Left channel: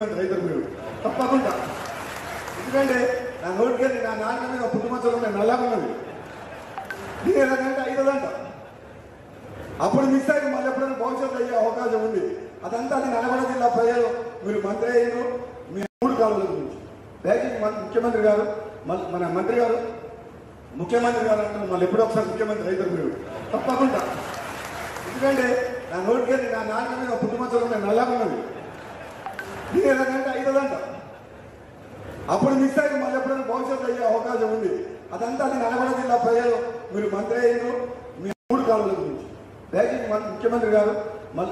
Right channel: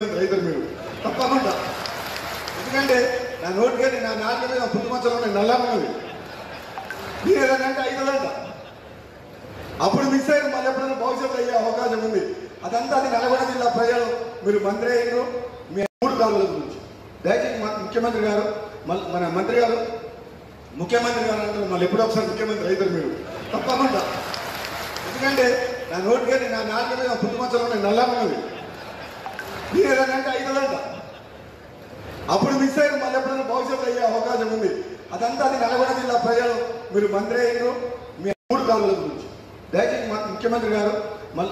రైతులు మీరు తప్పకుండా ఎందుకంటే నా నోటికి నా నాన్న మీద పుట్టుమచ్చలు నల్లమన్నది మీరు ఏదంటే 5 గంట అప్పుడు మిస్ అయిన మళ్ళీ ఎప్పుడైనా భవిష్యత్తు అయ్యే అవకాశం ఉంది. అదంతా అది నల్గొండ జిల్లా ప్రజలు మీరు మంత్రి అయ్యారు మీ 3 కాలువల గురించి దయచేసి ముఖ్యమంత్రి గారు మన మంత్రి గారు ముఖ్యమంత్రి గారు అంటారు మళ్ళీ ఎప్పుడో ఒకసారి ముఖ్యమంత్రి రైతులు మీరు తప్పకుండా ఎందుకంటే నా నోటికి నా నాన్న మీద పుట్టుమచ్చలు నల్లమన్నది మీరు ఏదంటే 5 గంట అప్పుడు మిస్ అయిన మళ్ళీ ఎప్పుడైనా భవిష్యత్తు అయ్యే అవకాశం ఉంది. అదంతా అది నల్గొండ జిల్లా ప్రజలు మీరు మంత్రి అయ్యారు మీ 3 కాలువల గురించి దయచేసి ముఖ్యమంత్రి గారు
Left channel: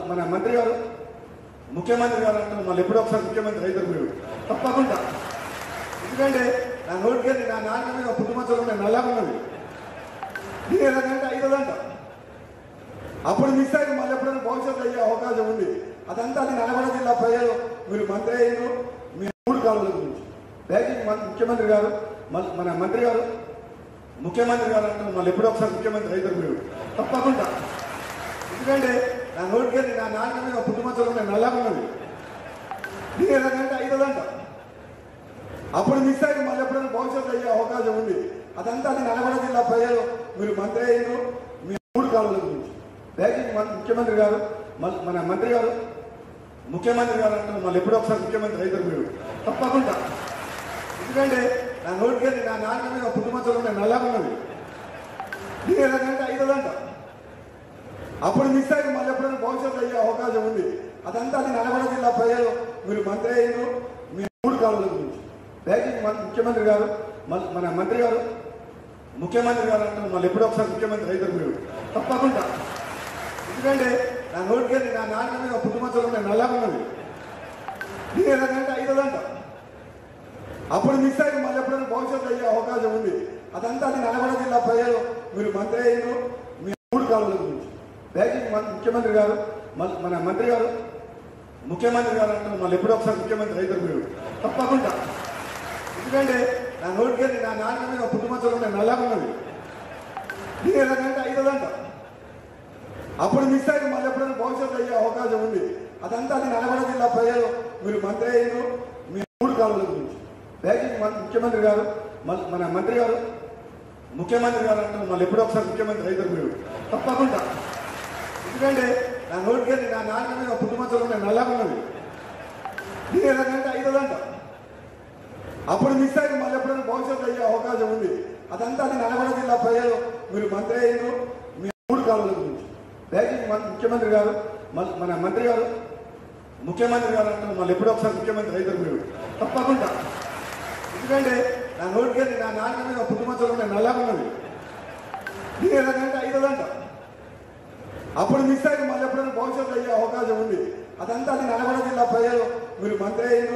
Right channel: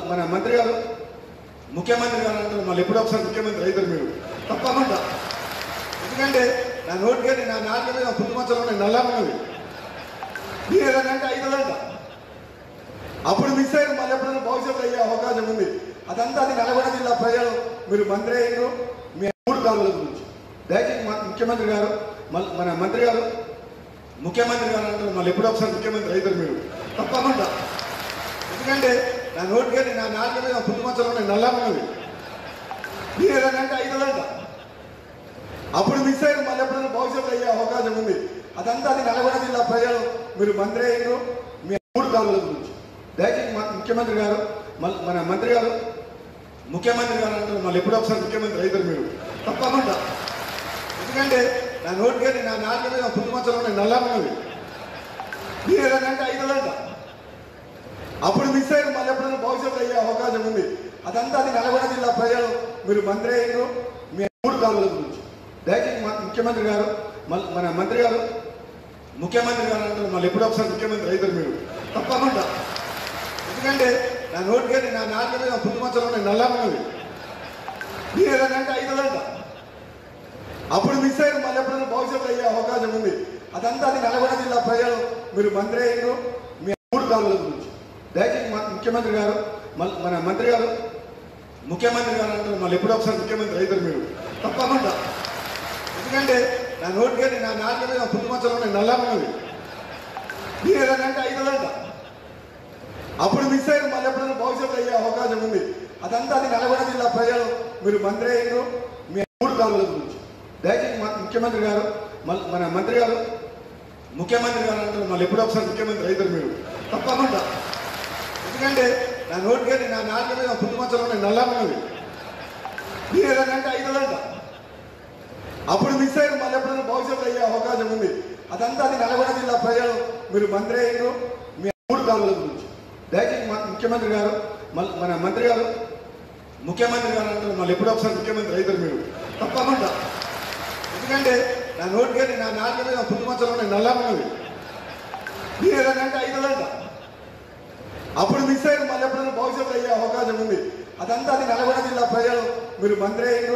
మన మంత్రి గారు ముఖ్యమంత్రి గారు అంటారు మళ్ళీ ఎప్పుడో ఒకసారి ముఖ్యమంత్రి రైతులు మీరు తప్పకుండా ఎందుకంటే నా నోటికి నా నాన్న మీద పుట్టుమచ్చలు నల్లమన్నది మీరు ఏదంటే 5 గంట అప్పుడు మిస్ అయిన మళ్ళీ ఎప్పుడైనా భవిష్యత్తు అయ్యే అవకాశం ఉంది. అదంతా అది నల్గొండ జిల్లా ప్రజలు మీరు మంత్రి అయ్యారు మీ 3 కాలువల గురించి దయచేసి ముఖ్యమంత్రి గారు మన మంత్రి గారు ముఖ్యమంత్రి గారు అంటారు మళ్ళీ ఎప్పుడో ఒకసారి ముఖ్యమంత్రి రైతులు మీరు తప్పకుండా ఎందుకంటే నా నోటికి నా నాన్న మీద పుట్టుమచ్చలు నల్లమన్నది మీరు ఏదంటే 5 గంట అప్పుడు మిస్ అయిన మళ్ళీ ఎప్పుడైనా భవిష్యత్తు అయ్యే అవకాశం ఉంది. అదంతా అది నల్గొండ జిల్లా ప్రజలు మీరు మంత్రి అయ్యారు మీ 3 కాలువల గురించి దయచేసి ముఖ్యమంత్రి గారు మన మంత్రి గారు ముఖ్యమంత్రి గారు అంటారు మళ్ళీ ఎప్పుడో ఒకసారి ముఖ్యమంత్రి రైతులు మీరు తప్పకుండా ఎందుకంటే నా నోటికి నా నాన్న మీద పుట్టుమచ్చలు నల్లమన్నది మీరు ఏదంటే 5 గంట అప్పుడు మిస్ అయిన మళ్ళీ ఎప్పుడైనా భవిష్యత్తు అయ్యే అవకాశం ఉంది. అదంతా అది నల్గొండ జిల్లా ప్రజలు మీరు మంత్రి అయ్యారు మీ 3 కాలువల గురించి దయచేసి ముఖ్యమంత్రి గారు మన మంత్రి గారు ముఖ్యమంత్రి గారు అంటారు మళ్ళీ ఎప్పుడో ఒకసారి ముఖ్యమంత్రి రైతులు మీరు తప్పకుండా ఎందుకంటే నా నోటికి నా నాన్న మీద పుట్టుమచ్చలు నల్లమన్నది మీరు ఏదంటే 5 గంట అప్పుడు మిస్ అయిన మళ్ళీ ఎప్పుడైనా భవిష్యత్తు అయ్యే అవకాశం ఉంది. అదంతా అది నల్గొండ జిల్లా ప్రజలు మీరు మంత్రి అయ్యారు మీ 3 కాలువల గురించి దయచేసి ముఖ్యమంత్రి గారు మన మంత్రి గారు ముఖ్యమంత్రి గారు అంటారు మళ్ళీ ఎప్పుడో ఒకసారి ముఖ్యమంత్రి రైతులు మీరు తప్పకుండా ఎందుకంటే నా నోటికి నా నాన్న మీద పుట్టుమచ్చలు నల్లమన్నది మీరు ఏదంటే 5 గంట అప్పుడు మిస్ అయిన మళ్ళీ ఎప్పుడైనా భవిష్యత్తు అయ్యే అవకాశం ఉంది. అదంతా అది నల్గొండ జిల్లా ప్రజలు మీరు మంత్రి అయ్యారు మీ 3 కాలువల గురించి దయచేసి ముఖ్యమంత్రి గారు మన మంత్రి గారు ముఖ్యమంత్రి గారు అంటారు మళ్ళీ ఎప్పుడో ఒకసారి ముఖ్యమంత్రి రైతులు మీరు తప్పకుండా ఎందుకంటే నా నోటికి నా నాన్న మీద పుట్టుమచ్చలు నల్లమన్నది మీరు ఏదంటే 5 గంట అప్పుడు మిస్ అయిన మళ్ళీ ఎప్పుడైనా భవిష్యత్తు అయ్యే అవకాశం ఉంది. అదంతా అది నల్గొండ జిల్లా ప్రజలు మీరు మంత్రి అయ్యారు మీ 3 కాలువల గురించి దయచేసి ముఖ్యమంత్రి గారు మన మంత్రి గారు ముఖ్యమంత్రి గారు అంటారు మళ్ళీ ఎప్పుడో ఒకసారి ముఖ్యమంత్రి రైతులు మీరు తప్పకుండా ఎందుకంటే నా నోటికి నా నాన్న మీద పుట్టుమచ్చలు నల్లమన్నది మీరు ఏదంటే 5 గంట అప్పుడు మిస్ అయిన మళ్ళీ ఎప్పుడైనా భవిష్యత్తు అయ్యే అవకాశం ఉంది. అదంతా అది నల్గొండ జిల్లా ప్రజలు మీరు మంత్రి అయ్యారు